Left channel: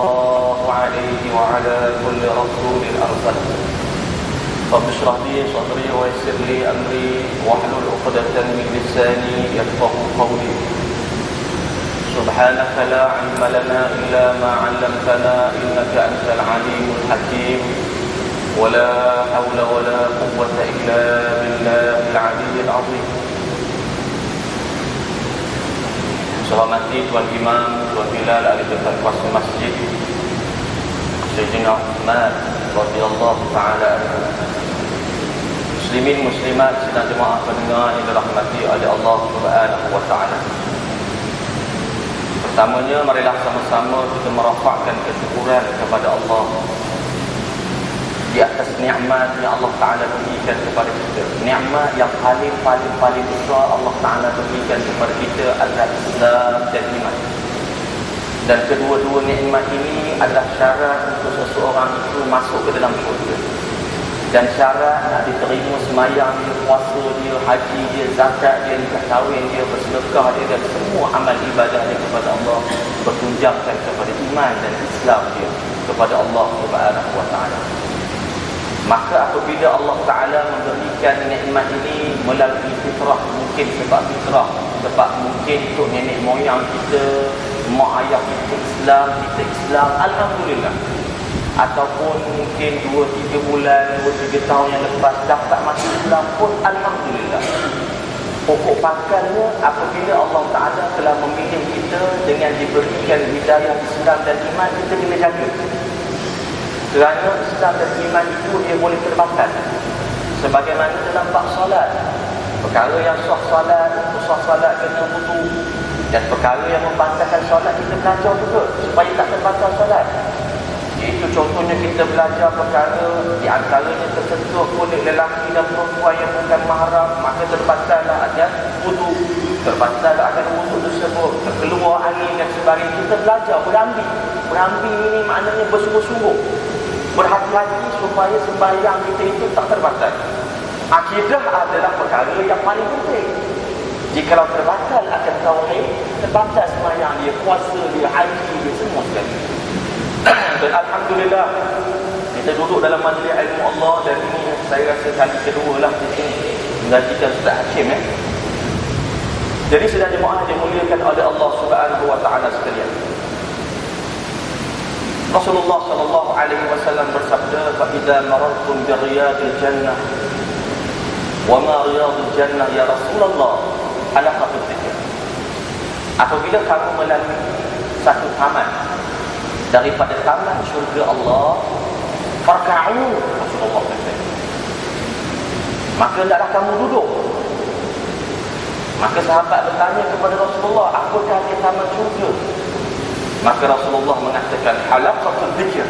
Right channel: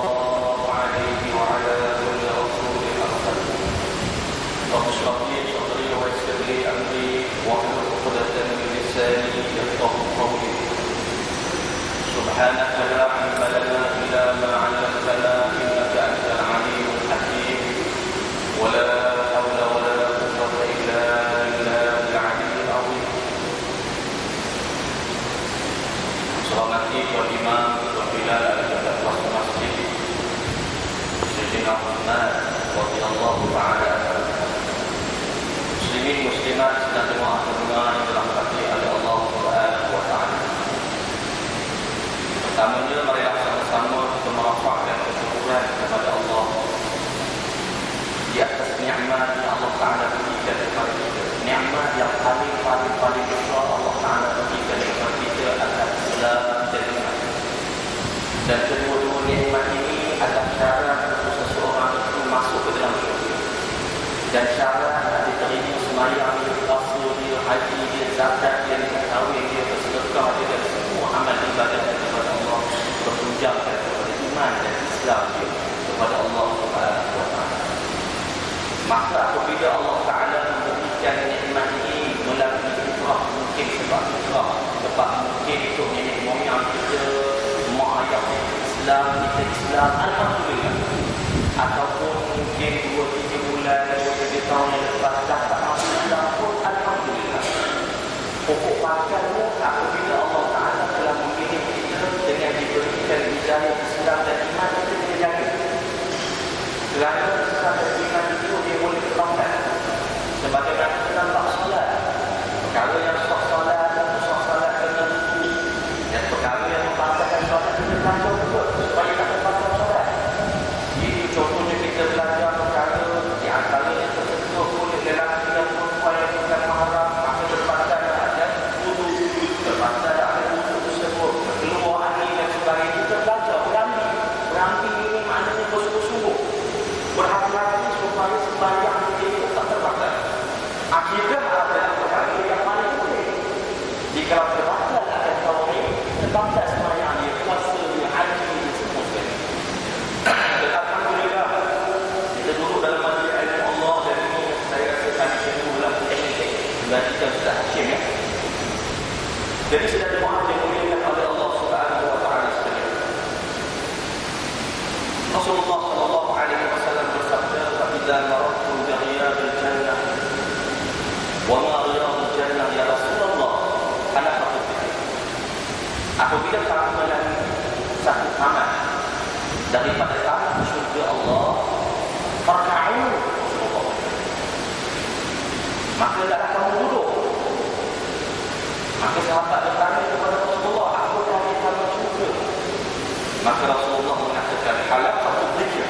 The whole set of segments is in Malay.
الله عليه وعلى كل رسول أرسل رب اشرح لي صدري ويسر لي أمري واحلل عقدة من لساني يفقهوا قولي سبحانك لا علم لنا إلا ما علمتنا إنك أنت العليم الحكيم ولا حول ولا قوة إلا بالله العلي العظيم. Hormati Tuan Imam, Tuan Bilal ahli ketua masjid, Sayyidina Uthman radhiyallahu ta'ala anhu. Muslimin muslimat sidang jemaah pendengar yang dirahmati oleh Allah Subhanahu wa taala. Pertamanya marilah sama-sama kita merafakkan kesyukuran kepada Allah di atas nikmat yang Allah Taala berikan kepada kita. Nikmat yang paling besar Allah Taala berikan kepada kita adalah Islam dan iman. Dan kedua-dua nikmat ini adalah syarat untuk seseorang itu masuk ke dalam syurga. Dan syarat nak diterima sembahyang dia, puasa dia, haji dia, zakat dia, nikah kahwin dia, bersedekah dia, dan semua amal ibadah dia kepada Allah bertunjangkan kepada iman dan Islam dia kepada Allah Subhanahu wa taala. Maka apabila Allah Ta'ala memberikan nikmat ini melalui fitrah, mungkin sebab fitrah, sebab mungkin ikut nenek moyang kita, mak ayah kita Islam, kita Islam, Alhamdulillah. Ataupun mungkin 2-3 bulan, 2-3 tahun yang lepas dapat masuk Islam pun Alhamdulillah. Pokok pangkalnya apabila Allah Ta'ala telah memilih kita dengan diberikan hidayah Islam dan iman, kita kena jaga. Kerana Islam dan iman itu dia boleh terbatas. Sebagaimana kita nampak solat, perkara yang sah solat kena wudu. Dan perkara yang membatalkan solat kita belajar betul supaya tak terbatas solat. Itu contohnya kita belajar perkara di antaranya tersentuh kulit lelaki dan perempuan yang bukan mahram, maka terbatallah ajar wudu, terbatallah akan wudu tersebut, keluar angin dan sebagainya. Kita belajar berambil ini maknanya bersungguh-sungguh, berhati-hati supaya sembahyang kita itu tak terbatal. Akidah adalah perkara yang paling penting. Jikalau terbatal akan tauhid, terbatal sembahyang dia, puasa dia, haji dia, semua sekali. Dan Alhamdulillah kita duduk dalam majlis ilmu Allah, dan ini saya rasa kali kedua lah mengajikan Ustaz Hashim ya. Jadi sedang jemaah dimuliakan oleh Allah Subhanahu wa taala sekalian. Rasulullah sallallahu alaihi wasallam bersabda, "Fa idza marartum bi riyadil jannah wa ma riyadul jannah ya Rasulullah ala khatifik." Apabila kamu melalui satu taman daripada taman syurga Allah, farka'u, Rasulullah kata, maka hendaklah kamu duduk. Maka sahabat bertanya kepada Rasulullah, apakah di taman syurga? Maka Rasulullah mengatakan halaqatul dzikr,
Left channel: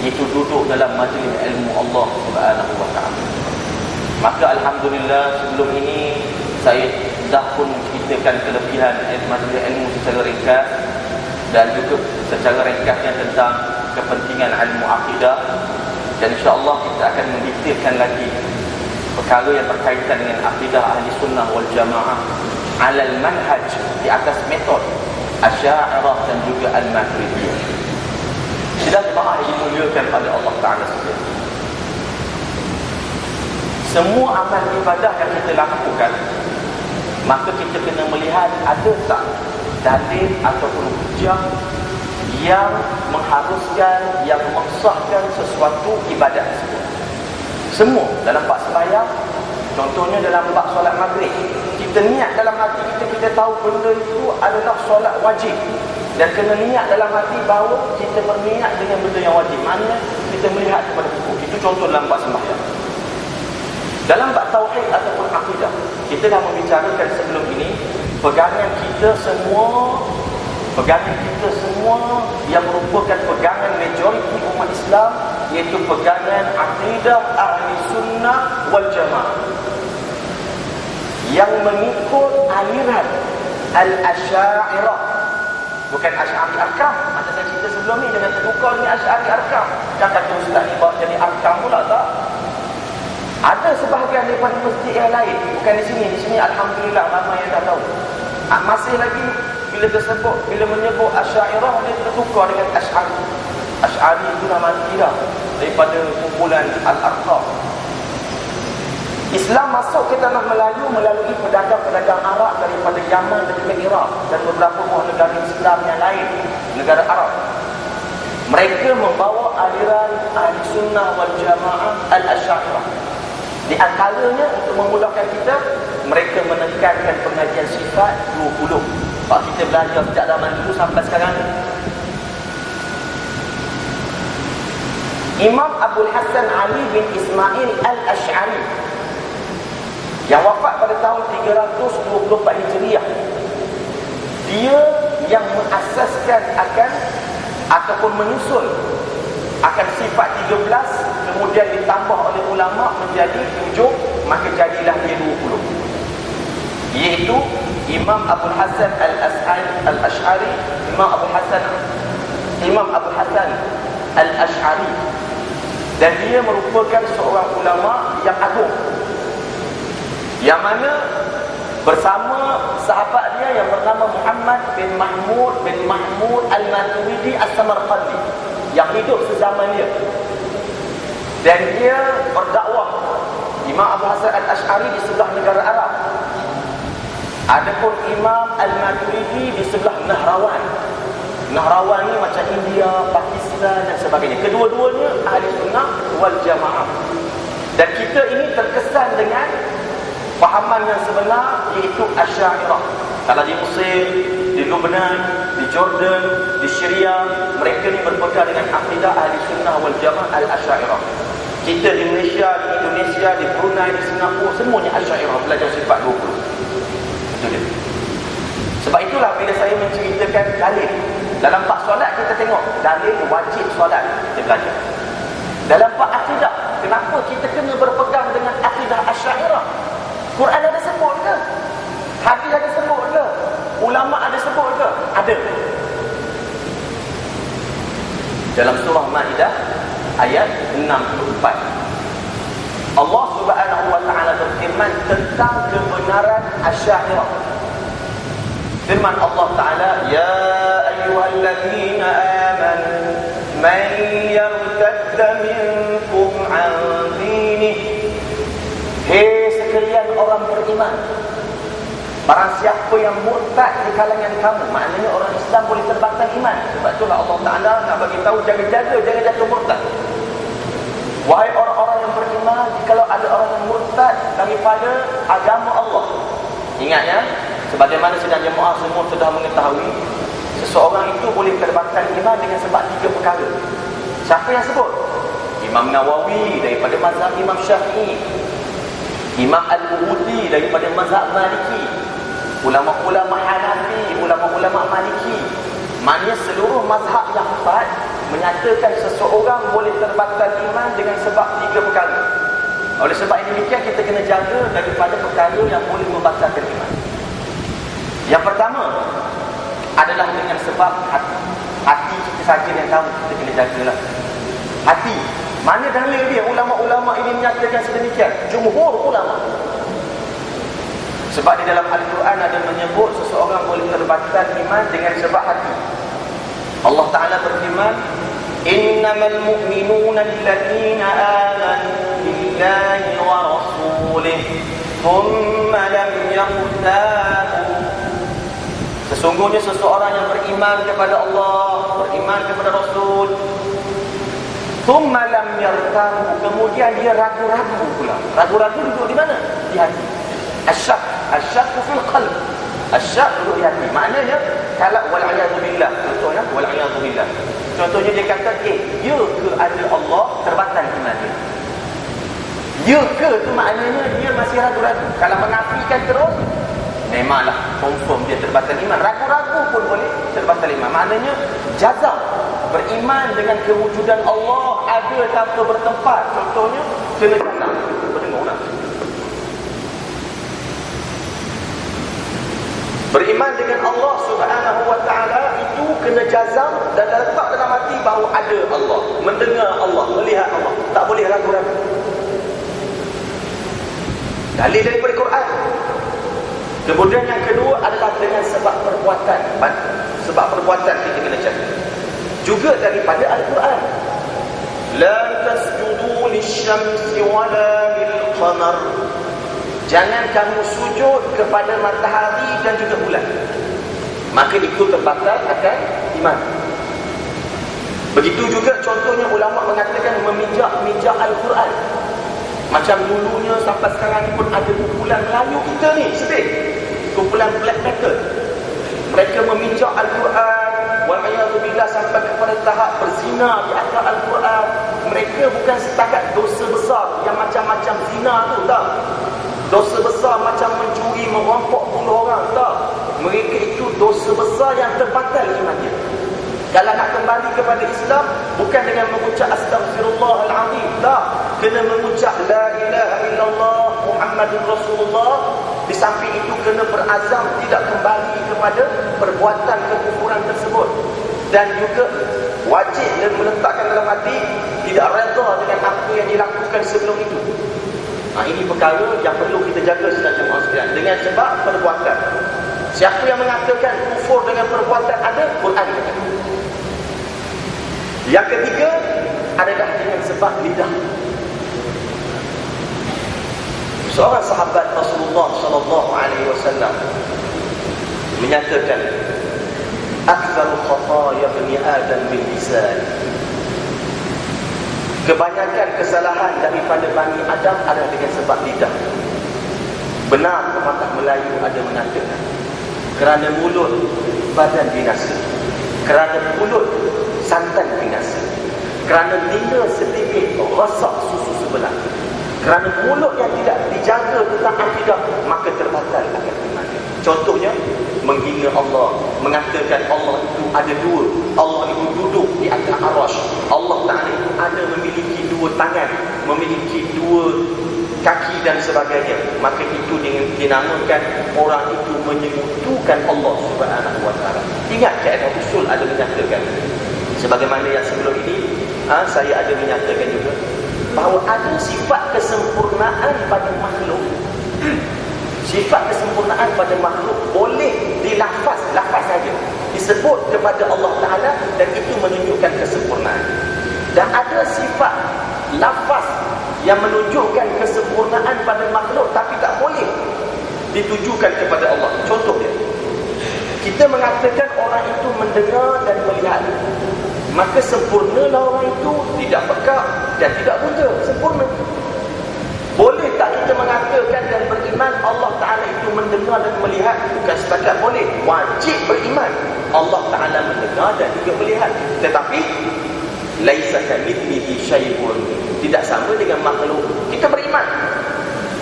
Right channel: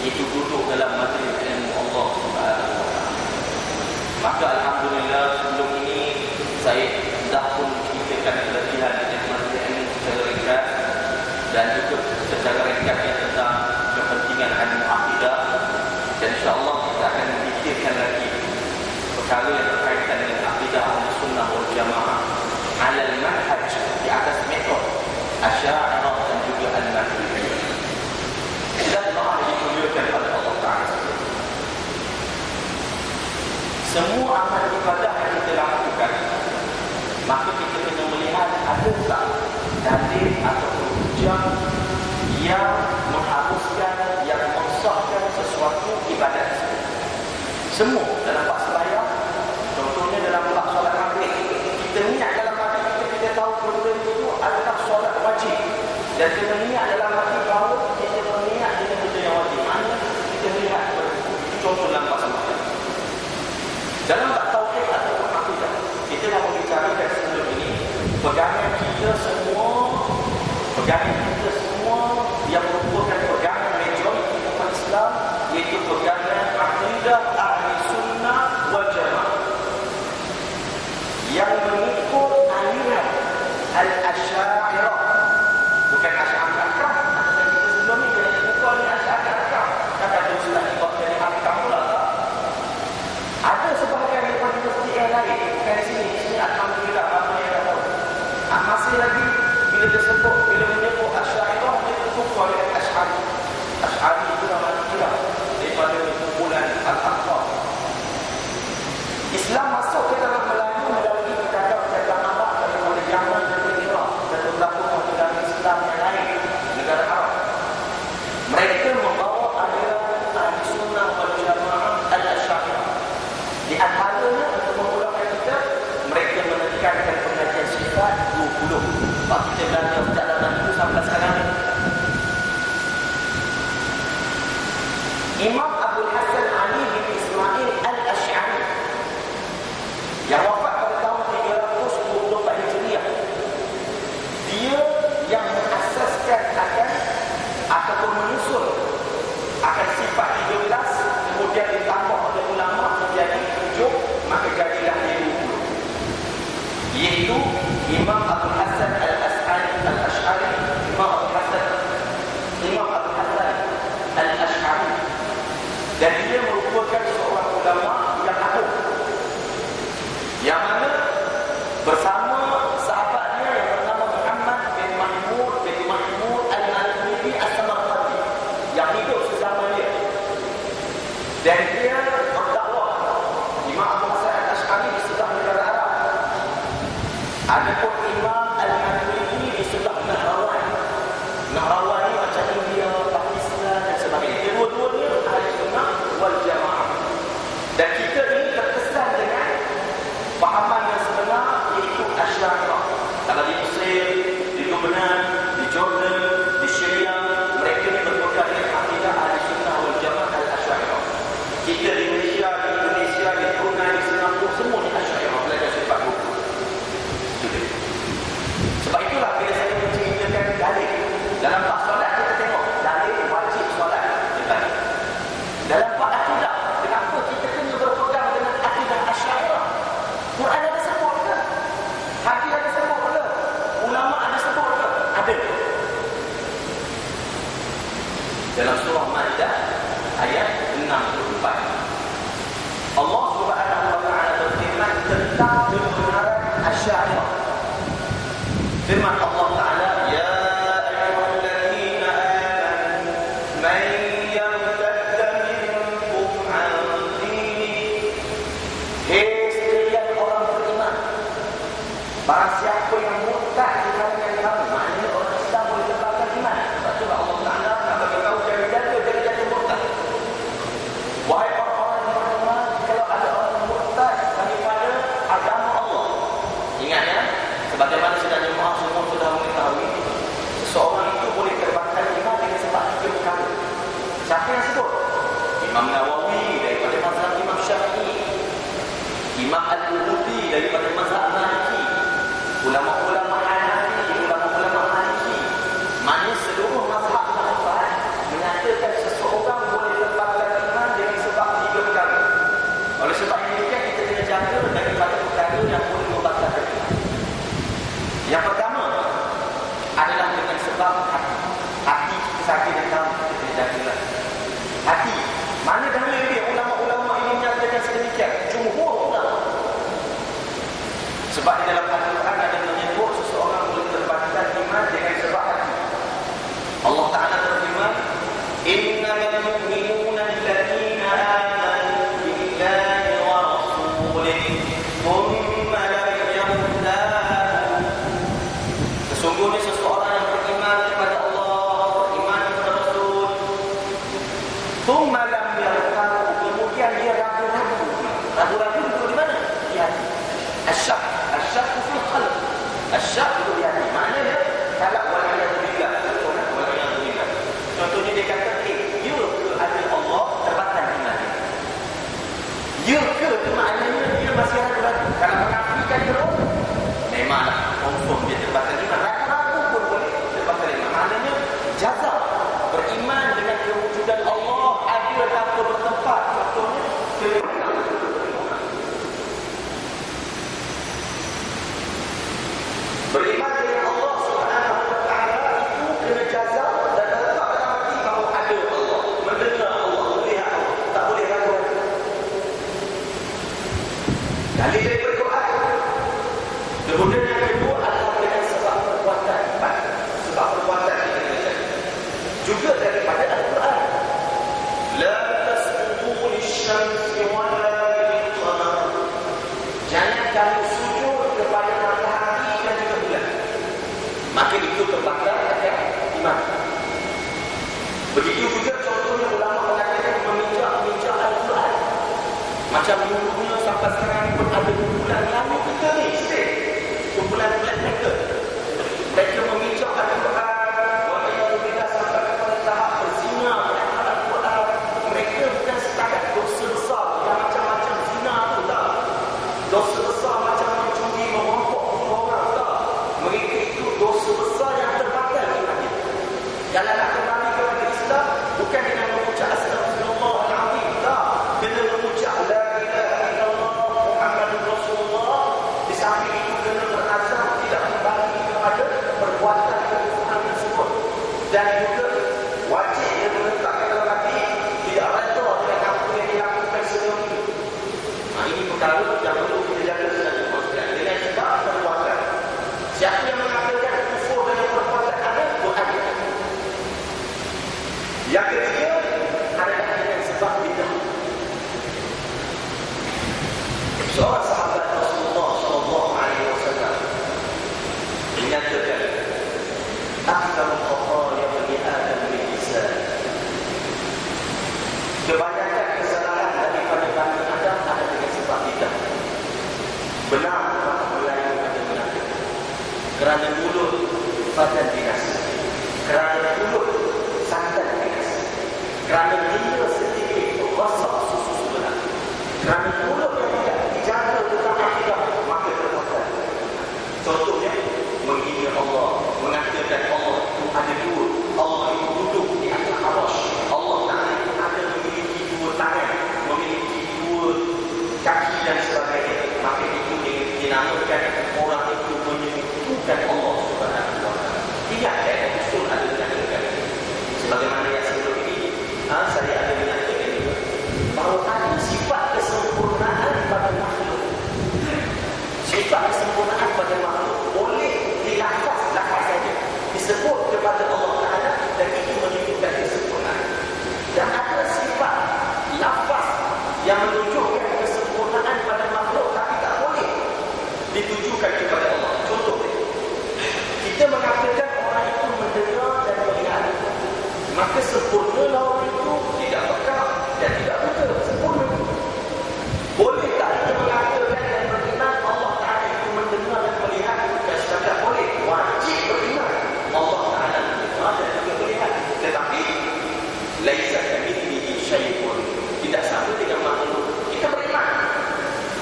iaitu duduk dalam majlis ilmu Allah Subhanahu wa taala. Maka alhamdulillah sebelum ini saya dah pun ceritakan kelebihan majlis ilmu secara ringkas, dan juga secara ringkasnya tentang kepentingan ilmu akidah. Dan insya-Allah kita akan mendetailkan lagi perkara yang berkaitan dengan akidah ahli sunnah wal jamaah alal manhaj, di atas metod Asy'ariyah dan juga Al-Maturidiyah. Sedang jemaah dimuliakan oleh Allah Ta'ala sekalian. Semua amal ibadah yang kita lakukan, maka kita kena melihat ada tak dalil ataupun hujah yang mengharuskan, yang mengesahkan sesuatu ibadat tersebut. Semua dalam bab sembahyang, contohnya dalam bab solat maghrib, kita niat dalam hati kita tahu benda itu adalah solat wajib, dan kena niat dalam hati bahawa kita berniat dengan benda yang wajib. Maknanya kita melihat kepada hukum. Itu contoh dalam bab sembahyang. Dalam bab tauhid ataupun akidah, kita dah membicarakan sebelum ini pegangan kita semua yang merupakan pegangan majoriti umat Islam, iaitu pegangan akidah ahli sunnah wal jamaah yang mengikut aliran Al-Asy'ariyah, bukan Asy'ari Arkam. Masa saya cerita sebelum ni dengan terbuka ni Asy'ari Arkam, dan kata Ustaz ni bawa jadi Arkam pula tak? Ada sebahagian daripada masjid yang lain, bukan di sini. Di sini alhamdulillah ramai yang dah tahu. Masih lagi bila menyebut Asy'ariyah, dia tertukar dengan Asy'ari. Asy'ari itu nama kira daripada kumpulan Al-Aqab. Islam masuk ke tanah Melayu melalui pedagang-pedagang Arab daripada Yaman dan juga Iraq dan beberapa buah negara Islam yang lain, negara Arab. Mereka membawa aliran Ahli Sunnah wal Jamaah Al-Asy'ariyah. Di antaranya, untuk memudahkan kita, mereka menekankan pengajian sifat 20. Kalau kita belajar sejak zaman dulu sampai sekarang. Imam Abdul Hasan Ali bin Ismail Al-Asy'ari yang wafat pada tahun 324 Hijriah. Dia yang mengasaskan akan ataupun menyusun akan sifat 13, kemudian ditambah oleh ulama menjadi 7, maka jadilah dia 20. Iaitu Imam Abdul Hasan Al-Asy'ari, Imam Abdul Hasan Al-Asy'ari. Dan dia merupakan seorang ulama yang agung, yang mana bersama sahabat dia yang bernama Muhammad bin Mahmud Al-Maturidi As-Samarqandi yang hidup sezaman dia. Dan dia berdakwah. Imam Abu Hasan Al-Asy'ari di sebelah negara Arab, adapun Imam Al-Maturidi di sebelah Nahrawan. Nahrawan ni macam India, Pakistan dan sebagainya. Kedua-duanya Ahli Sunnah wal Jamaah. Dan kita ini terkesan dengan fahaman yang sebenar, iaitu Asy'ariyah. Kalau di Mesir, di Lebanon, di Jordan, di Syria, mereka ni berpegang dengan akidah Ahli Sunnah wal Jamaah Al-Asy'ariyah. Kita di Malaysia, di Brunei, di Singapura, semuanya Asy'ariyah, belajar sifat 20. Itu dia. Sebab itulah bila saya menceritakan dalil dalam bab solat, kita tengok dalil wajib solat, kita belajar. Dalam bab akidah, kenapa kita kena berpegang dengan akidah Asy'ariyah? Quran ada sebut ke? Hadis ada sebut ke? Ulama ada sebut ke? Ada. Dalam surah Maidah ayat 64, Allah Subhanahu wa taala berfirman tentang kebenaran Asy'ariyah. Firman Allah Taala, ya ayyuhalladzina amanu man yartadda minkum an dinihi. Hei sekalian orang beriman, barang siapa yang murtad di kalangan kamu, maknanya orang Islam boleh terbangkan iman. Sebab itulah Allah Ta'ala nak bagi tahu, jangan jatuh murtad. Wahai orang-orang yang beriman, kalau ada orang yang murtad daripada agama Allah, ingat ya, sebagaimana sedang jemaah semua sudah mengetahui, seseorang itu boleh terbangkan iman dengan sebab 3 perkara. Siapa yang sebut? Imam Nawawi daripada mazhab Imam Syafi'i, Imam Al-Bukhari daripada mazhab Maliki, ulama-ulama Hanafi, ulama-ulama Maliki. Maknanya seluruh mazhab yang 4 menyatakan seseorang boleh terbatal iman dengan sebab 3 perkara. Oleh sebab demikian, kita kena jaga daripada perkara yang boleh membatalkan iman. Yang pertama adalah dengan sebab hati. Hati kita saja yang tahu, kita kena jagalah hati. Mana dalil dia? Ulama-ulama ini menyatakan sedemikian, jumhur ulama. Sebab di dalam Al-Quran ada menyebut seseorang boleh terbatal iman dengan sebab hati. Allah Ta'ala berfirman, innamal mu'minuna alladzina amanu billahi wa rasulihi thumma lam yartabu. Sesungguhnya seseorang yang beriman kepada Allah, beriman kepada Rasul, thumma lam yartabu, kemudian dia ragu-ragu pula. Ragu-ragu duduk di mana? Di hati. Asyak fil qalb. Asyak duduk di hati. Maknanya kalau wal-'iyadzu billah, contohnya wal-'iyadzu billah. Contohnya dia kata, ya ke ada Allah, terbatal iman dia. Ya ke tu maknanya dia masih ragu-ragu. Kalau menafikan terus, memanglah confirm dia terbatal iman. Ragu-ragu pun boleh terbatal iman. Maknanya jazam, beriman dengan kewujudan Allah ada tanpa bertempat. Contohnya kena jazam. Beriman dengan Allah Subhanahu wa ta'ala itu kena jazam dan letak dalam hati bahawa ada Allah, mendengar Allah, melihat Allah. Tak boleh ragu-ragu. Dalil daripada Quran. Kemudian yang kedua adalah dengan sebab perbuatan. juga daripada Al-Quran. La tasjudu lisyamsi wala lilqamar. Jangan kamu sujud kepada matahari dan juga bulan. Maka itu terbatal akan iman. Begitu juga contohnya ulama mengatakan memijak Al-Quran. Macam dulunya sampai sekarang pun ada kumpulan Melayu kita ni, sedih. Kumpulan black metal. Mereka memijak Al-Quran, wal'iyadzubillah, sampai kepada tahap berzina di atas Al-Quran. Mereka bukan setakat dosa besar yang macam-macam zina tu, tak. Dosa besar macam mencuri, merampok, bunuh orang, tak. Mereka itu dosa besar yang terbatal imannya. Kalau nak kembali kepada Islam, bukan dengan mengucap Astaghfirullahaladzim, tak. Kena mengucap La ilaha illallah Muhammadur Rasulullah. Di samping itu kena berazam tidak kembali kepada perbuatan kekufuran tersebut. Dan juga wajib dia meletakkan dalam hati tidak redha dengan apa yang dilakukan sebelum itu. Ini perkara yang perlu kita jaga sebagai manusia. Dengan sebab perbuatan. Siapa yang mengatakan kufur dengan perbuatan ada, Quran. Yang ketiga adalah dengan sebab bidah. Seorang sahabat Rasulullah sallallahu alaihi wasallam menyatakan, "Aktsarul khataaya bani Adam bil lisan." Kebanyakan kesalahan daripada Bani Adam adalah dengan sebab lidah. Benar pepatah Melayu ada mengatakan, kerana mulut badan binasa, kerana mulut santan binasa, kerana minda sedikit rosak susu sebenar, kerana mulut yang tidak dijaga tentang akidah, maka terbatal akan iman. Contohnya menghina Allah, mengatakan Allah itu ada dua, Allah itu duduk di atas arasy, Allah Ta'ala ada memiliki dua tangan, memiliki dua kaki dan sebagainya. Maka itu dengan dinamakan orang itu menyekutukan Allah Subhanahu wa Ta'ala. Ingat kaedah usul ada menyatakan, sebagaimana yang sebelum ini saya ada menyatakan juga, bahawa ada sifat kesempurnaan pada makhluk. Sifat kesempurnaan pada makhluk boleh dilafaz saja, disebut kepada Allah Ta'ala, dan itu menunjukkan kesempurnaan. Dan ada sifat lafaz yang menunjukkan kesempurnaan pada makhluk tapi tak boleh ditujukan kepada Allah. Contohnya, kita mengatakan orang itu mendengar dan melihat, maka sempurnalah orang itu tidak pekak dan tidak buta, sempurna. Boleh tak kita mengatakan dan beriman Allah Ta'ala itu mendengar dan melihat? Bukan setakat boleh, wajib beriman Allah Ta'ala mendengar dan juga melihat. Tetapi laisa kamitslihi syai'un, tidak sama dengan makhluk. Kita beriman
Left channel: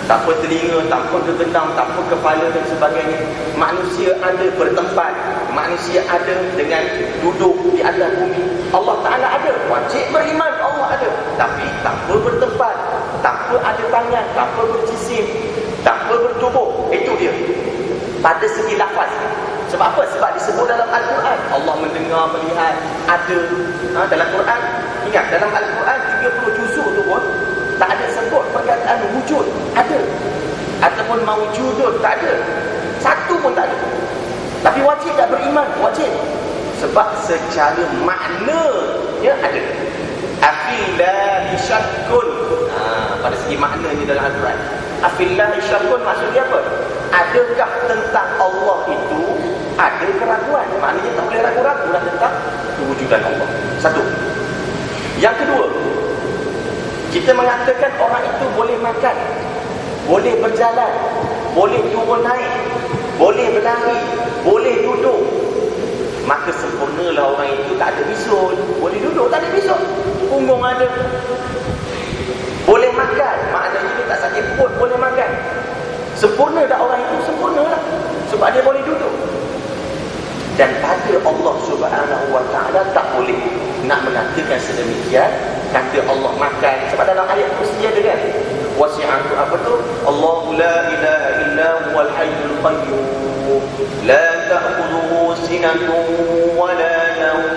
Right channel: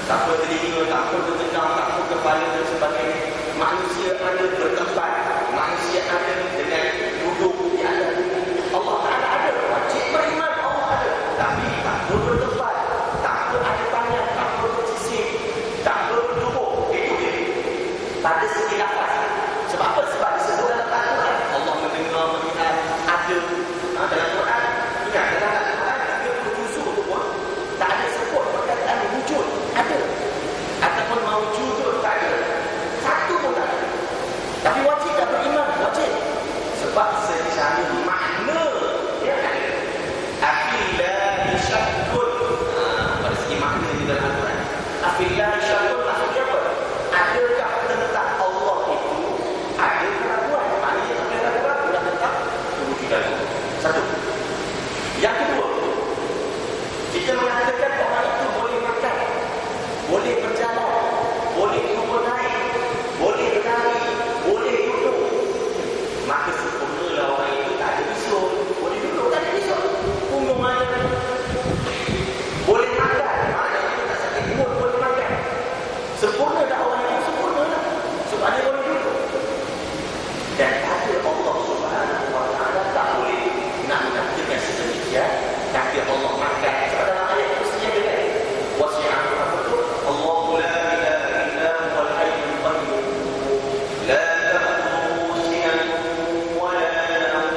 tak apa telinga, tak apa gegendam, tak apa kepala dan sebagainya. Manusia ada bertempat, manusia ada dengan duduk di atas bumi. Allah Ta'ala ada, wajib beriman Allah ada. Tapi tak apa bertempat, tak apa ada tangan, tak apa berjisim, tak apa bertubuh. Itu dia pada segi lafaz. Sebab apa? Sebab disebut dalam Al-Quran Allah mendengar, melihat, ada. Dalam Quran, ingat, dalam Al-Quran 30 juzuk tu pun tak ada sebut perkataan wujud, ada, ataupun mawjudun, tak ada. Satu pun tak ada. Tapi wajib tak beriman? Wajib. Sebab secara makna dia ada. Afillahi syakkun. Pada segi maknanya dalam Al-Quran, afillahi syakkun maksudnya apa? Adakah tentang Allah itu ada keraguan? Maknanya tak boleh ragu-ragu tentang kewujudan Allah. Satu. Yang kedua, kita mengatakan orang itu boleh makan, boleh berjalan, boleh turun naik, boleh berlari, boleh duduk. Maka sempurnalah orang itu tak ada bisul. Boleh duduk, tak ada bisul. Punggung ada. Boleh makan, maknanya dia tak sakit perut, boleh makan. Sempurna tak orang itu? Sempurnalah. Sebab dia boleh duduk. Dan pada Allah Subhanahu wa Ta'ala tak boleh nak mengatakan sedemikian. Kata Allah makan. Sebab dalam ayat kursi ada kan, wasi'atu apa tu? Allahu la ilaha illa huwal hayyul qayyum la ta'khudhuhu sinatun wa la nawm.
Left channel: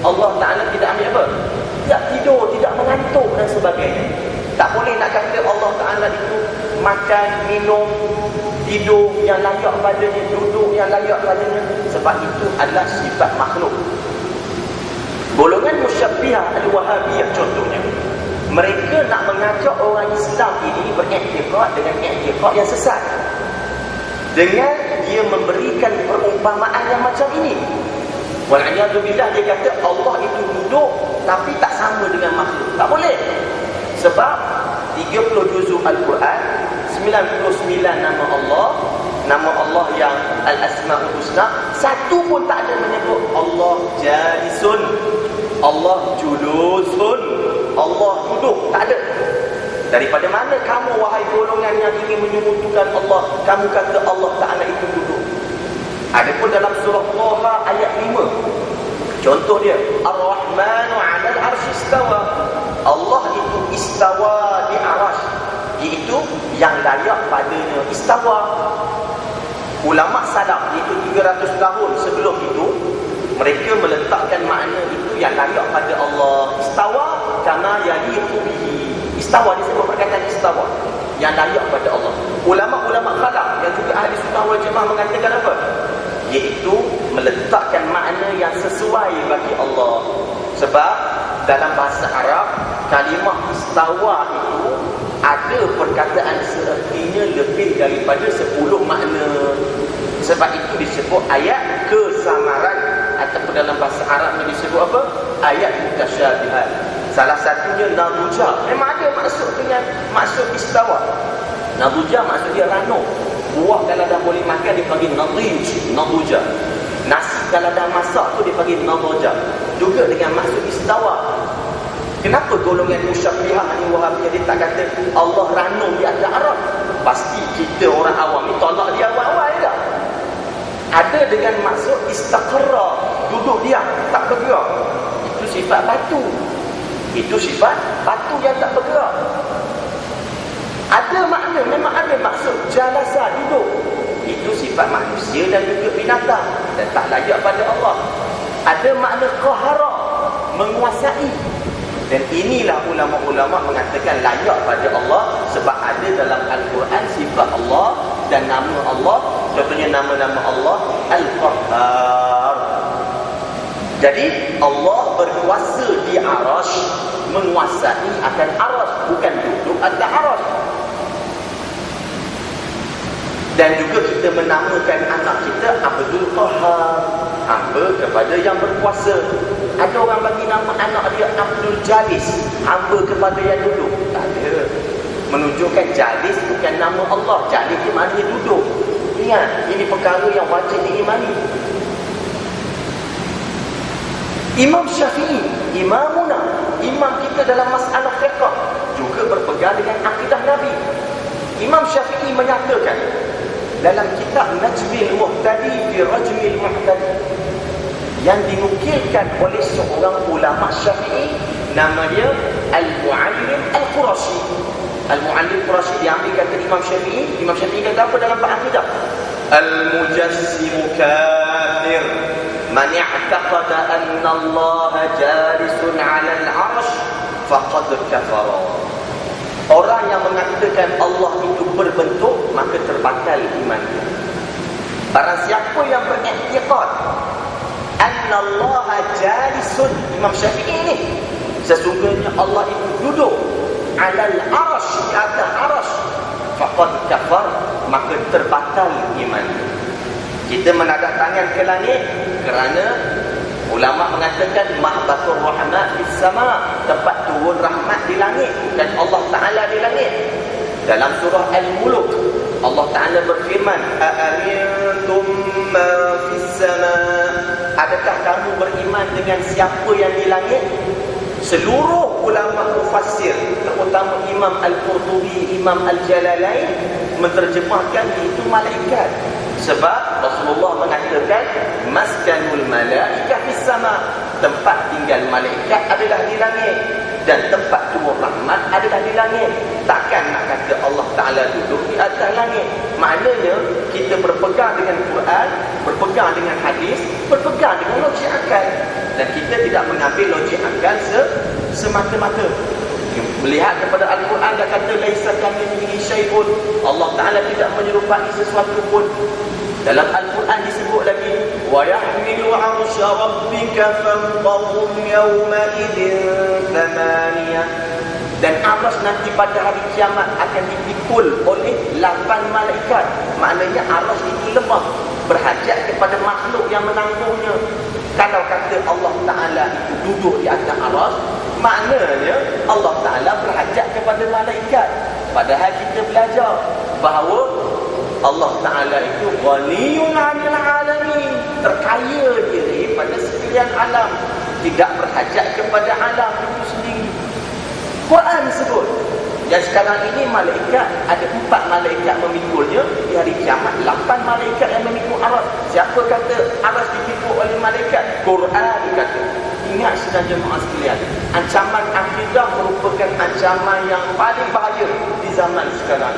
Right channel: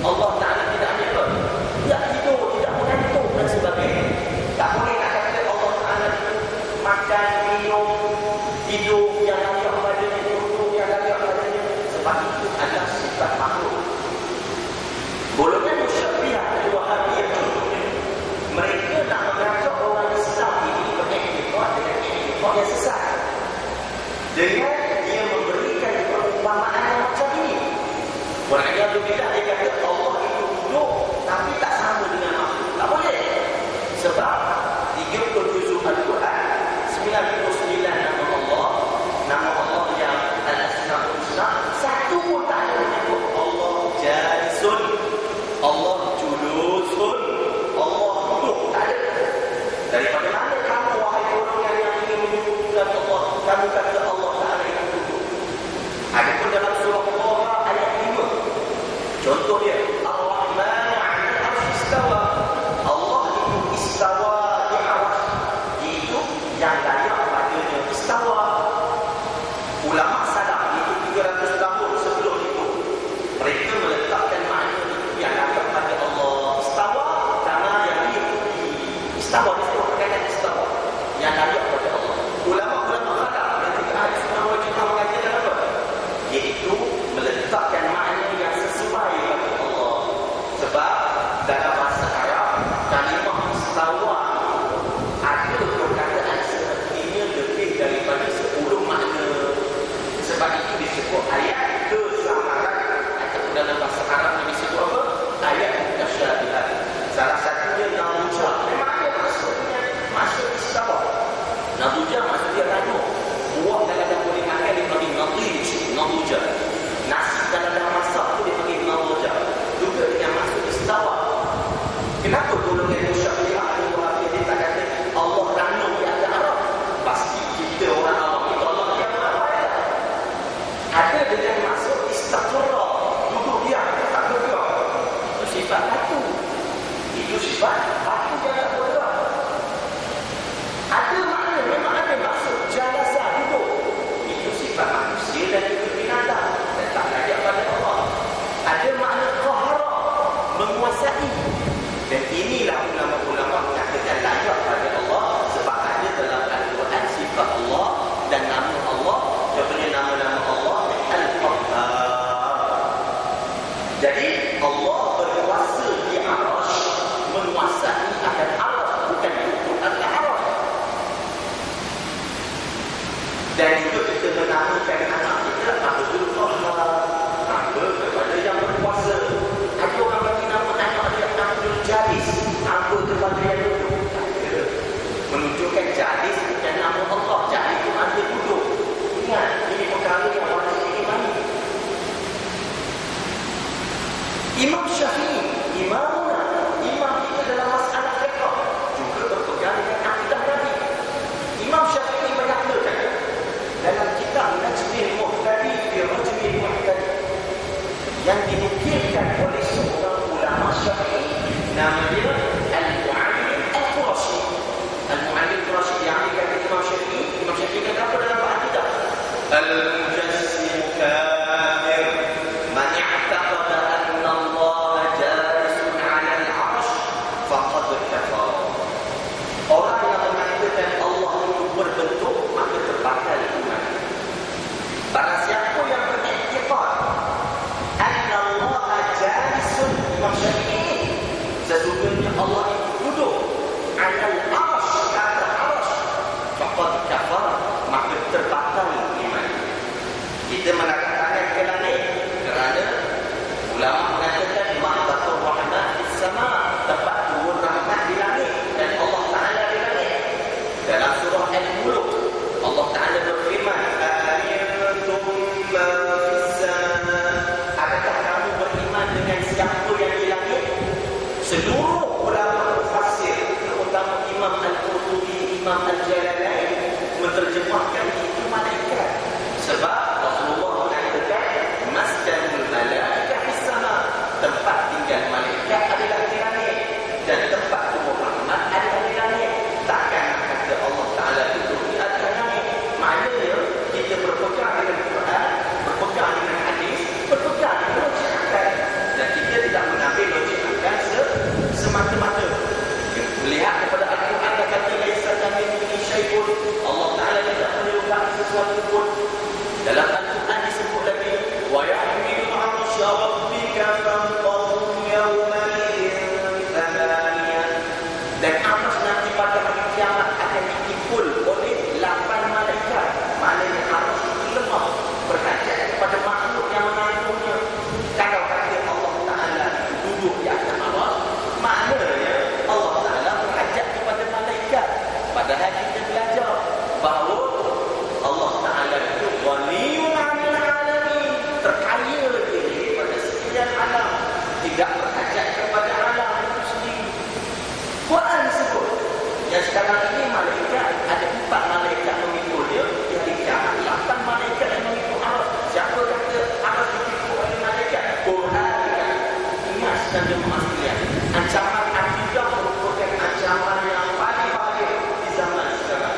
Allah Ta'ala tidak ambil apa? Tidak tidur, tidak mengantuk dan sebagainya. Tak boleh nak kata Allah Ta'ala itu makan, minum, tidur yang layak padanya, duduk yang layak padanya. Sebab itu adalah sifat makhluk. Golongan musyabbihah al-wahabiyah contohnya, mereka nak mengajak orang Islam ini beriktikad dengan iktikad yang sesat, dengan dia memberikan perumpamaan yang macam ini. Wal'iyadzubillah, dia kata Allah itu duduk tapi tak sama dengan makhluk. Tak boleh. Sebab 30 juzuk Al-Quran, 99 nama Allah yang Al-Asma'ul Husna, satu pun tak ada menyebut Allah jalisun, Allah julusun, Allah duduk. Tak ada. Daripada mana kamu wahai golongan yang ingin menyebutkan Allah, kamu kata Allah Ta'ala itu duduk? Adapun dalam surah Taha ayat 5, contoh dia, Ar-Rahmanu 'alal 'arsy istawa. Allah itu istawa di arasy, iaitu yang layak padanya istawa. Ulama salaf itu 300 tahun sebelum itu, mereka meletakkan makna itu yang layak pada Allah. Istawa kama yaliqu bihi. Istawa disebut perkataan istawa yang layak pada Allah. Ulama-ulama khalaf yang juga ahli sunnah wal jamaah mengatakan apa? Iaitu meletakkan makna yang sesuai bagi Allah. Sebab dalam bahasa Arab, kalimah istawa itu ada perkataan seertinya lebih daripada 10 makna. Sebab itu disebut ayat kesamaran, ataupun dalam bahasa Arab ni disebut apa? Ayat mutasyabihat. Salah satunya nabuja. Memang ada maksud istawa. Nabuja maksud dia rano. Buah kalau dah boleh makan dia panggil nadij, nabuja. Nasi kalau dah masak tu dia panggil nabuja. Juga dengan maksud istawa. Kenapa golongan musyabbihah al-wahabiyah dia tak kata Allah rano di atas Arab? Pasti kita orang awam ni tolak dia awal-awal dah. Ada dengan maksud istaqarra, duduk diam, tak bergerak. Itu sifat batu. Itu sifat batu yang tak bergerak. Ada makna, memang ada maksud jalasa, duduk. Itu sifat manusia dan juga binatang dan tak layak pada Allah. Ada makna qahara, menguasai. Dan inilah ulama-ulama mengatakan layak pada Allah sebab ada dalam Al-Quran sifat Allah dan nama Allah. Contohnya nama-nama Allah Al-Qahhar. Jadi Allah berkuasa di arasy, menguasai akan arasy, bukan duduk atas arasy. Dan juga kita menamakan anak kita Abdul Qahhar, hamba kepada yang berkuasa. Ada orang bagi nama anak dia Abdul Jalis, hamba kepada yang duduk. Tak ada. Menunjukkan Jalis bukan nama Allah. Jalis itu maknanya duduk. Ingat, ini perkara yang wajib diimani. Imam Syafi'i, imamuna, imam kita dalam masalah fiqh, juga berpegang dengan akidah Nabi. Imam Syafi'i menyatakan dalam kitab Najmil Muhtadi fi Rajmil Muhtadi, yang dinukilkan oleh seorang ulama Syafi'i, nama dia Al-Mu'allim Al-Qurashi. Al-Mu'allim Al-Qurashi diambil kata Imam Syafi'i. Imam Syafi'i kata apa dalam bab akidah? Al-Mujassimu kafir man i'taqada anna Allah jalisun 'ala al-'arsy faqad kafara. Orang yang mengatakan Allah itu berbentuk, maka terbatal iman. Barang siapa yang beriktikad anna Allah jalisun, Imam Syafi'i ini, sesungguhnya Allah itu duduk 'alal 'arsy, atas 'arsy, faqad kafar, maka terbatal iman. Kita menadap tangan ke langit kerana ulama mengatakan mahbatur rahmat fis sama, tempat turun rahmat di langit, dan Allah Ta'ala di langit. Dalam surah Al-Mulk Allah Ta'ala berfirman, a'amintum ma fis sama, adakah kamu beriman dengan siapa yang di langit? Seluruh ulama mufassir, terutama Imam Al-Qurtubi, Imam Al-Jalalain, menterjemahkan itu malaikat. Sebab Rasulullah mengatakan maskanul malaikah fis sama, tempat tinggal malaikat adalah di langit, dan tempat turun rahmat adalah di langit. Takkan nak kata Allah Ta'ala duduk di atas langit. Maknanya kita berpegang dengan Quran, berpegang dengan hadis, berpegang dengan logik akal, dan kita tidak mengambil logik akal semata-mata. Melihat kepada Al-Quran, dia kata laisa kamitslihi syai'un, Allah Ta'ala tidak menyerupai sesuatu pun. Dalam Al-Quran disebut lagi, wa yahmilu 'arsya rabbika fawqahum yawma idzin thamaniyah. Dan arsy nanti pada hari kiamat akan dipikul oleh 8 malaikat. Maknanya arsy itu lemah, berhajat kepada makhluk yang menanggungnya. Kalau kata Allah Ta'ala itu duduk di atas arsy, maknanya Allah Ta'ala berhajat kepada malaikat. Padahal kita belajar bahawa Allah Ta'ala itu ghaniyun 'anil 'alamin, terkaya diri pada sekalian alam, tidak berhajat kepada alam itu sendiri. Quran sebut yang sekarang ini malaikat ada 4 malaikat memikulnya. Di hari kiamat 8 malaikat yang memikul arsy. Siapa kata arsy dipikul oleh malaikat? Quran kata. Ingat sedang jemaah sekalian, ancaman akidah merupakan ancaman yang paling bahaya di zaman sekarang.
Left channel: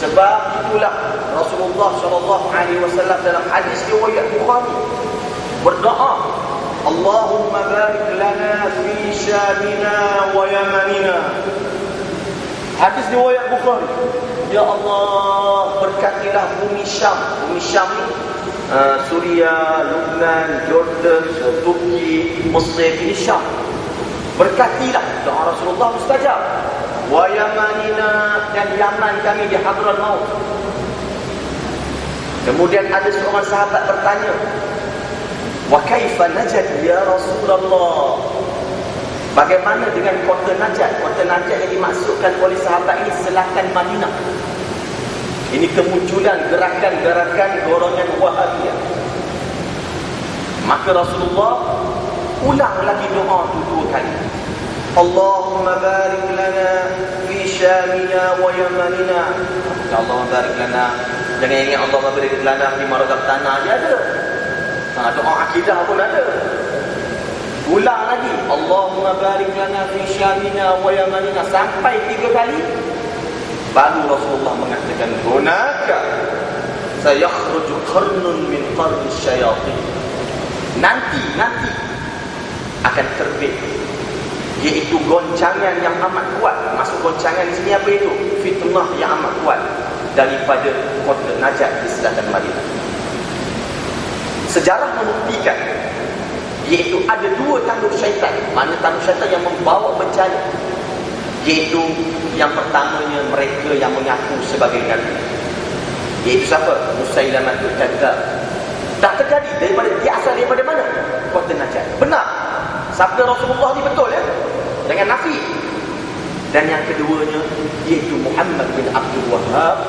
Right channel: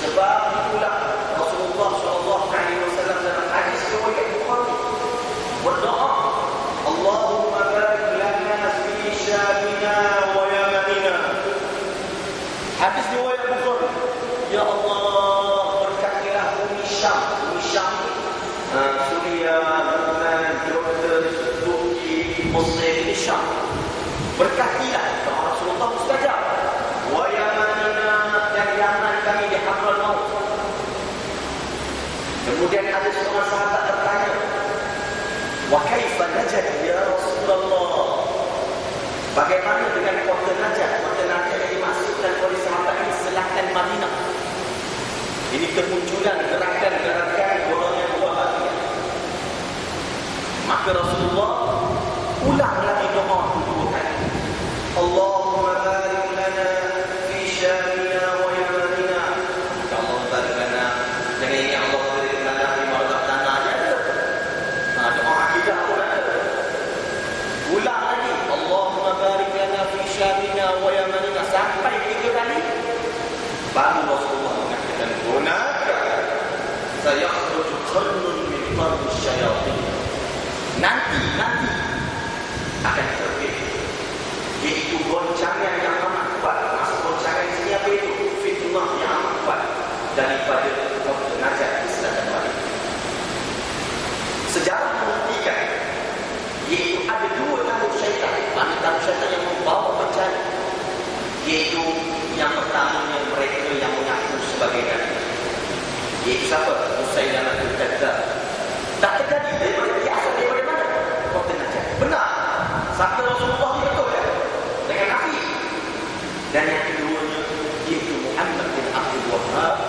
Sebab itulah Rasulullah SAW dalam hadis riwayat Bukhari berdoa, Allahumma barik lana fi syamina wa yamanina. Hadis riwayat Bukhari, ya Allah, berkatilah bumi Syam. Bumi Syam Suria, Lebanon, Jordan, Turki, Mesir, ini Syam. Berkatilah, doa Rasulullah mustajab. Wa yamanina, dan Yaman kami di Hadramaut. Kemudian ada seorang sahabat bertanya, wa kaifa Najd ya Rasulullah? Bagaimana dengan kota Najd? Kota Najd yang dimaksudkan oleh sahabat ini selatan Madinah. Ini kemunculan gerakan-gerakan golongan Wahabiyah. Maka Rasulullah ulang lagi doa itu 2 kali. Allahumma barik lana fi syamina wa yamanina. Ya Allah barik lana. Jangan ini Allah barik lana fi marzaqtana aja ada. Doa akidah pun ada. Ulang lagi, Allahumma barik lana fi syamina wa yamanina, sampai 3 kali. Baru Rasulullah mengatakan, hunaka sayakhruju qarnun min qarni syayatin. Nanti akan terbit, iaitu goncangan yang amat kuat. Maksud goncangan di sini apa itu? Fitnah yang amat kuat daripada kota Najd di selatan Madinah. Sejarah membuktikan, iaitu ada 2 tanduk syaitan. Mana tanduk syaitan yang membawa bencana? Iaitu yang pertamanya mereka yang mengaku sebagai Nabi. Iaitu siapa? Musailamatul Kadzdzab. Tak terjadi daripada dia, asal daripada mana? Kota Najd. Benar. Sabda Rasulullah ni betul ya? Dengan nafi. Dan yang keduanya iaitu Muhammad bin Abdul Wahhab.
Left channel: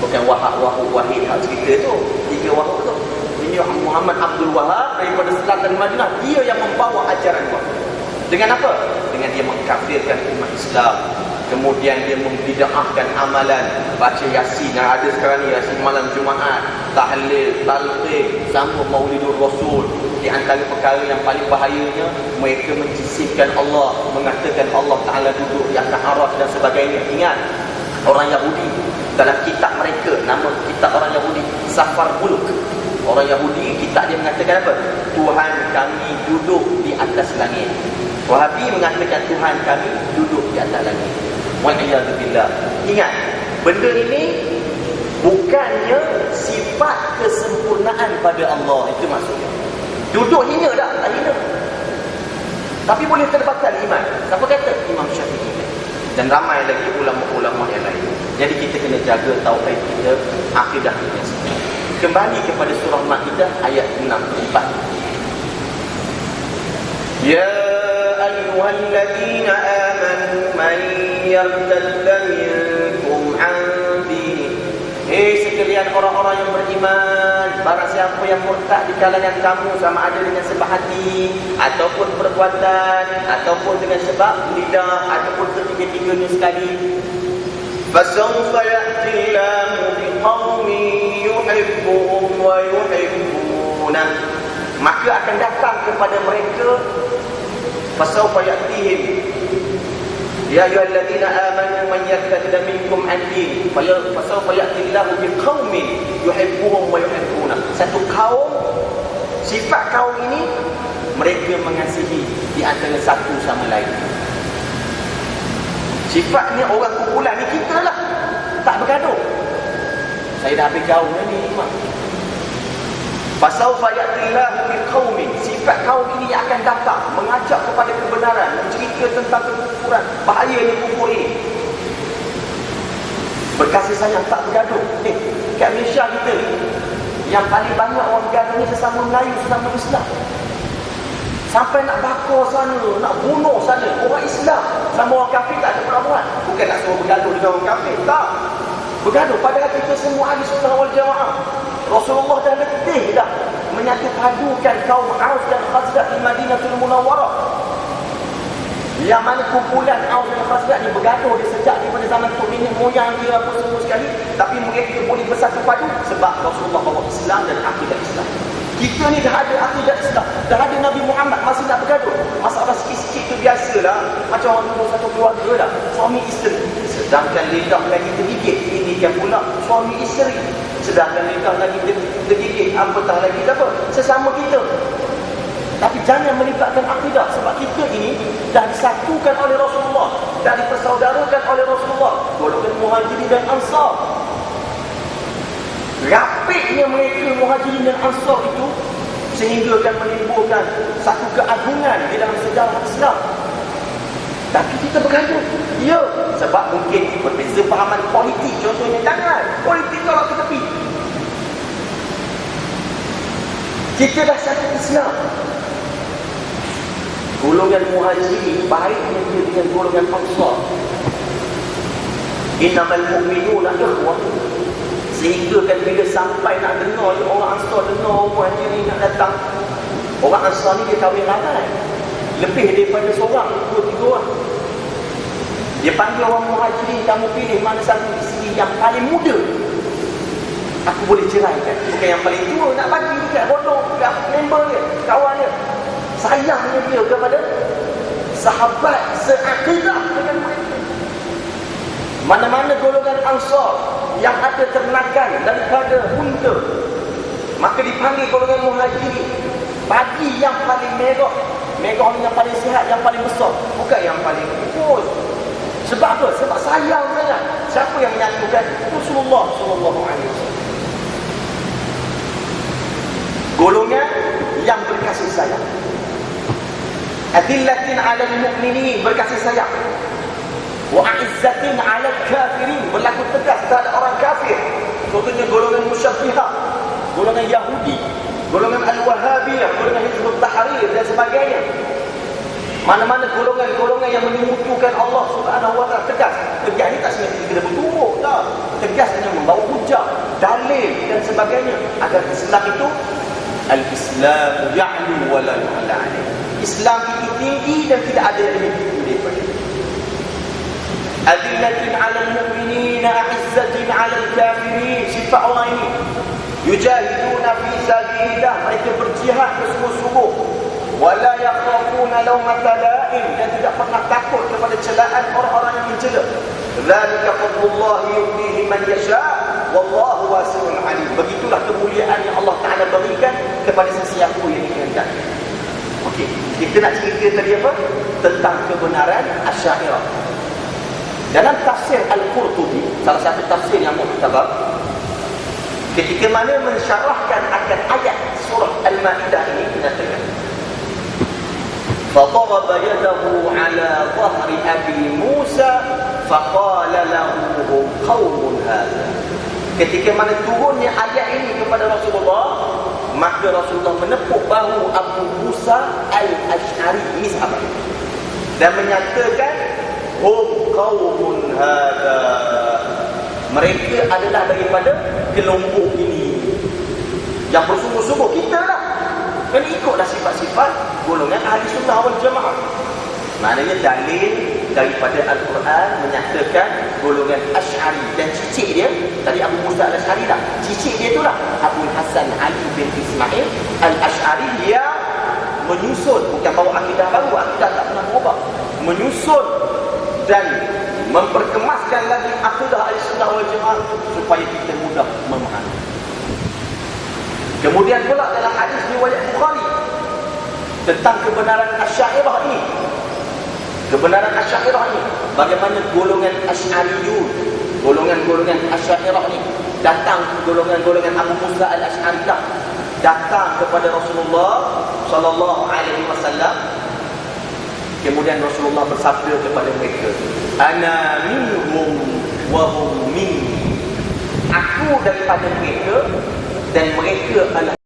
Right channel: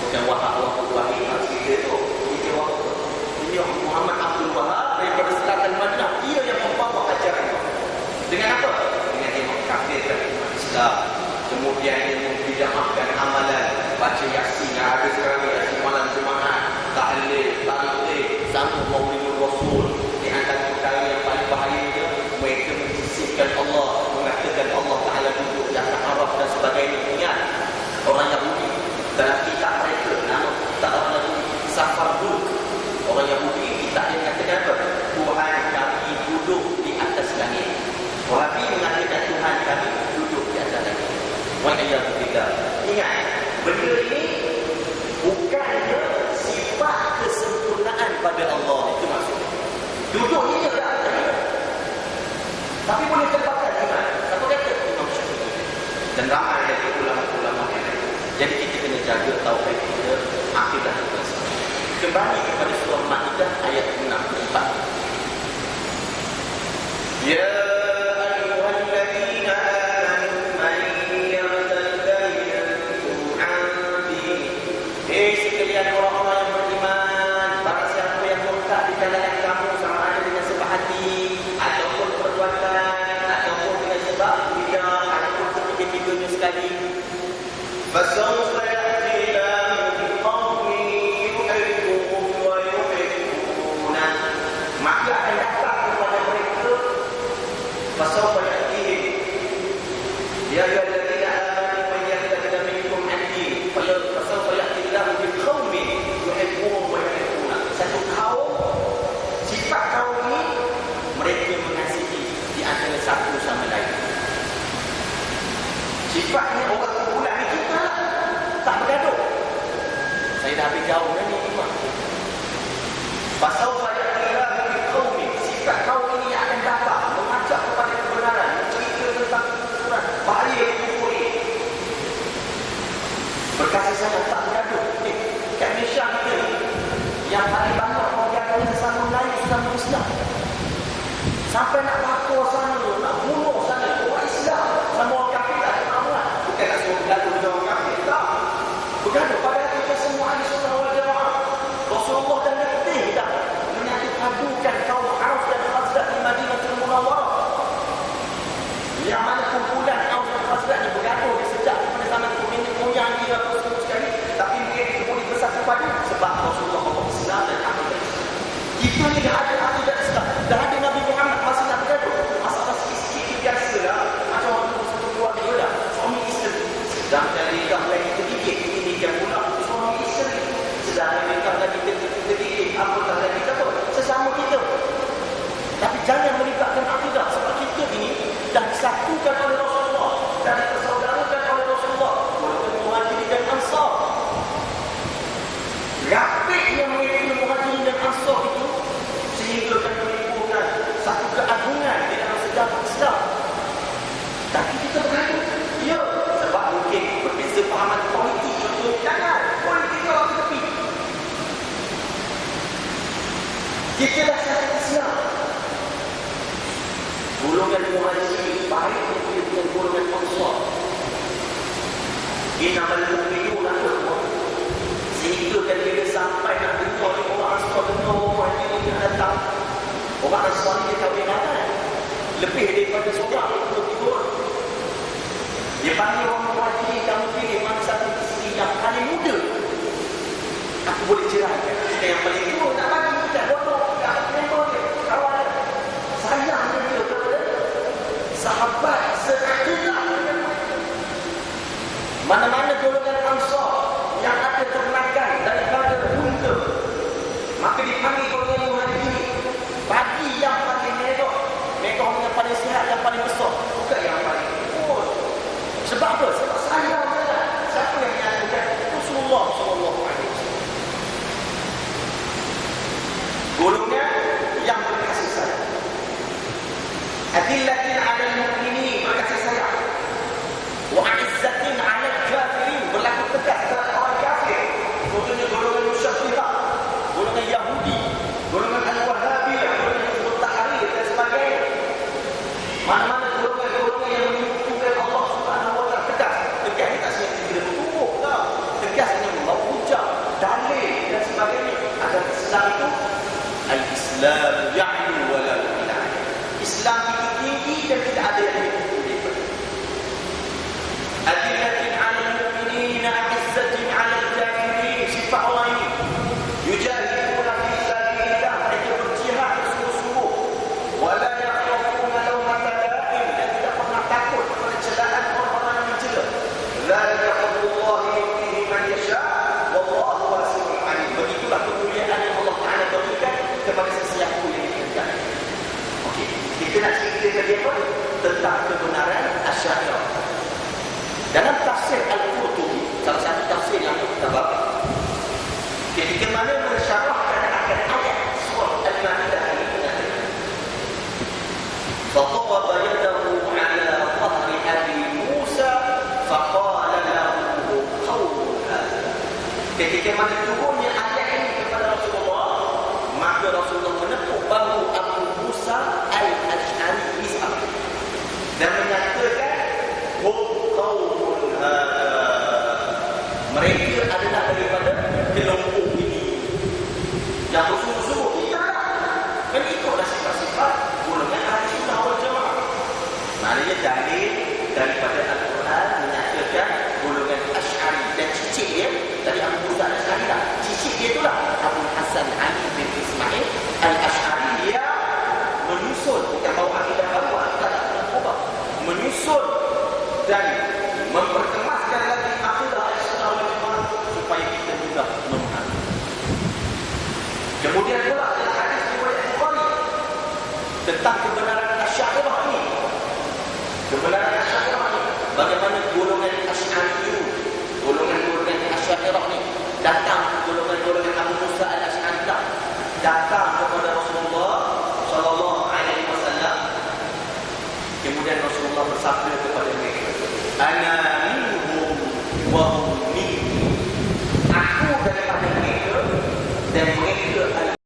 Bukan Wahid cerita tu. 3 Wahab tu. Ini Muhammad Abdul Wahhab daripada selatan Madinah. Dia yang membawa ajaran Wahab. Dengan apa? Dengan dia mengkafirkan umat Islam. Kemudian dia membid'ahkan amalan, baca Yasin. Yang ada sekarang ni Yasin malam Jumaat, tahlil, talqin, sambut Maulidur Rasul. Di antara perkara yang paling bahayanya, mereka menjisimkan Allah, mengatakan Allah Ta'ala duduk di atas arsy dan sebagainya. Ingat, orang Yahudi dalam kitab mereka, nama kitab orang Yahudi Safar Buluk. Orang Yahudi, kitab dia mengatakan apa? Tuhan kami duduk di atas langit. Wahabi mengatakan Tuhan kami duduk di atas langit. Wa'iyadzubillah. Ingat, benda ini bukannya sifat kesempurnaan pada Allah. Itu maksudnya. Duduk hina dah, tak hina. Tapi boleh terbakar iman. Siapa kata? Imam Syafi'i. Dan ramai lagi ulama-ulama yang lain. Jadi kita kena jaga tauhid kita, akidah kita. Kembali kepada surah Maidah ayat 64. Ya ayyuhalladzina amanu man yartadda minkum an dinihi. Hei sekalian orang-orang yang beriman, barang siapa yang murtad di kalangan kamu, sama ada dengan sebab hati ataupun perbuatan ataupun dengan sebab lidah ataupun ketiga-tiganya sekali, fasawfa ya'ti Allahu biqaumin yuhibbuhum wa yuhibbuna, maka akan datang kepada mereka, fasawfa ya'tihim ya ayyuhalladzina amanu man yartadda minkum an dinihi fasawfa ya'ti Allahu biqaumin yuhibbuhum wa yuhibbuna. Satu kaum, sifat kaum ini mereka mengasihi di antara satu sama lain. Sifatnya orang kumpulan ni kita lah, tak bergaduh. Saya dah habis jauh ni Imam. Fasawfa ya'tillahu biqaumin, sifat kaum ini akan datang mengajak kepada kebenaran, mencerita tentang kekufuran, bahaya kufur ini. Berkasih sayang, tak bergaduh. Kat Malaysia kita ni, yang paling banyak orang bergaduh ni sesama Melayu, sesama Islam. Sampai nak bakar sana, nak bunuh sana, orang Islam sama orang kafir tak ada perlawanan. Bukan nak semua bergaduh dengan orang kafir, tak. Bergaduh, padahal kita semua ahli sunnah wal jamaah. Rasulullah dah letih dah menyatu padukan kaum Aus dan Khazraj di Madinatul Munawwarah. Yang mana kumpulan Aus dan Khazraj ni bergaduh dia sejak daripada zaman nenek moyang dia apa semua sekali, tapi mereka boleh bersatu padu sebab Rasulullah bawa Islam dan akidah Islam. Kita ni dah ada akidah Islam, dah ada Nabi Muhammad, masih nak bergaduh. Masalah sikit-sikit tu biasalah, macam orang dulu satu keluarga lah, suami isteri. Sedangkan lidah lagi tergigit, ini dia pula suami isteri. Sedangkan lidah lagi tergigit, apatah lagi apa? Sesama kita. Tapi jangan melibatkan akidah, sebab kita ini dah disatukan oleh Rasulullah, dah dipersaudarakan oleh Rasulullah, golongan Muhajirin dan Ansar. Rapiknya mereka Muhajirin dan Ansar itu sehingga akan menimbulkan satu keagungan di dalam sejarah Islam. Tapi kita bergaduh. Ya, sebab mungkin berbeza fahaman politik. Contohnya, jangan politik kalau ke tepi. Kita dah satu Islam. Golongan Muhajirin baiknya dia dengan golongan Ansar. Innamal mu'minuna ikhwah. Sehingga kan bila sampai nak dengar ni, orang Ansar dengar orang Muhajirin nak datang. Orang Ansar ni dia kahwin ramai, lebih daripada seorang, 23 orang. Dia panggil orang Muhajirin, kamu pilih mana satu isteri yang paling muda, aku boleh ceraikan. Bukan yang paling tua nak bagi, bukan bodoh, bukan member dia, kawan dia. Sayangnya dia kepada sahabat seakidah dengan mereka. Mana-mana golongan Ansar yang ada ternakan daripada unta, maka dipanggil golongan Muhajirin. Bagi yang paling merah, merah ni yang paling sihat, yang paling besar, bukan yang paling kurus. Sebab apa? Sebab sayang sangat. Siapa yang menyatukan? Rasulullah sallallahu alaihi wasallam. Golongan yang berkasih sayang. Adillatin 'alal mu'minin, berkasih sayang. Wa 'izzatin 'alal kafirin, berlaku tegas terhadap orang kafir. Contohnya golongan Musyabbihah, golongan Yahudi, golongan Al-Wahhabiyah, golongan Hizbut Tahrir dan sebagainya. Mana-mana golongan-golongan yang menyekutukan Allah Subhanahu wa taala tegas. Tegas ni tak semestinya kena bertumbuk, tak. Tegas hanya membawa hujah, dalil dan sebagainya agar Islam itu al-Islam ya'lu wa la yu'la. Islam itu tinggi dan tidak ada yang lebih tinggi daripada itu. Adillatin 'alal mu'minin, 'izzatin 'alal kafirin. Sifat orang ini yujahiduna fi sabilillah, mereka berjihad bersungguh-sungguh. Wala yakhafuna lawmata la'im, dan tidak pernah takut kepada celaan orang-orang yang mencela. Dzalika fadlullahi yu'tihi man yasha' wallahu wasi'un 'alim. Begitulah kemuliaan yang Allah Taala berikan kepada sesiapa yang dikehendaki. Okey, kita nak cerita tadi apa? Tentang kebenaran Asy'ariyah. Dalam tafsir Al-Qurtubi, salah satu tafsir yang muktabar, ketika mana mensyarahkan akan ayat surah Al-Maidah ini, menyatakan فَضَرَبَ يَدَهُ عَلَى ظَهْرِ أَبِي مُوسَى فَقَالَ لَهُ قَوْمٌ هَذَا. Ketika mana turunnya ayat ini kepada Rasulullah, maka Rasulullah menepuk bahu Abu Musa Al-Ash'ari, ini sahabat, dan menyatakan hum qaumun hadha, mereka adalah daripada kelompok ini yang bersungguh-sungguh. Kita lah kan ikutlah sifat-sifat golongan ahli sunnah wal jamaah. Maknanya dalil daripada Al-Quran menyatakan golongan Asy'ari, dan cicit dia tadi Abu Musa Al-Ash'ari lah, cicit dia itulah Abu Hasan Ali bin Ismail Al-Ash'ari, yang menyusun, bukan bawa akidah baru, akidah tak pernah berubah, menyusun dan memperkemaskan lagi akidah ahli sunnah wal jamaah supaya kita mudah memahami. Kemudian pula dalam hadis riwayat Bukhari tentang kebenaran Asy'ariyah ini. Kebenaran Asy'ariyah ini, bagaimana golongan Asy'ariyun, golongan-golongan Asy'ariyah ini datang, golongan-golongan Abu Musa Al-Ash'ari dah datang kepada Rasulullah sallallahu alaihi wasallam. Kemudian Rasulullah bersabda kepada mereka, ana minhum wa hum minni. Aku daripada mereka dan mereka adalah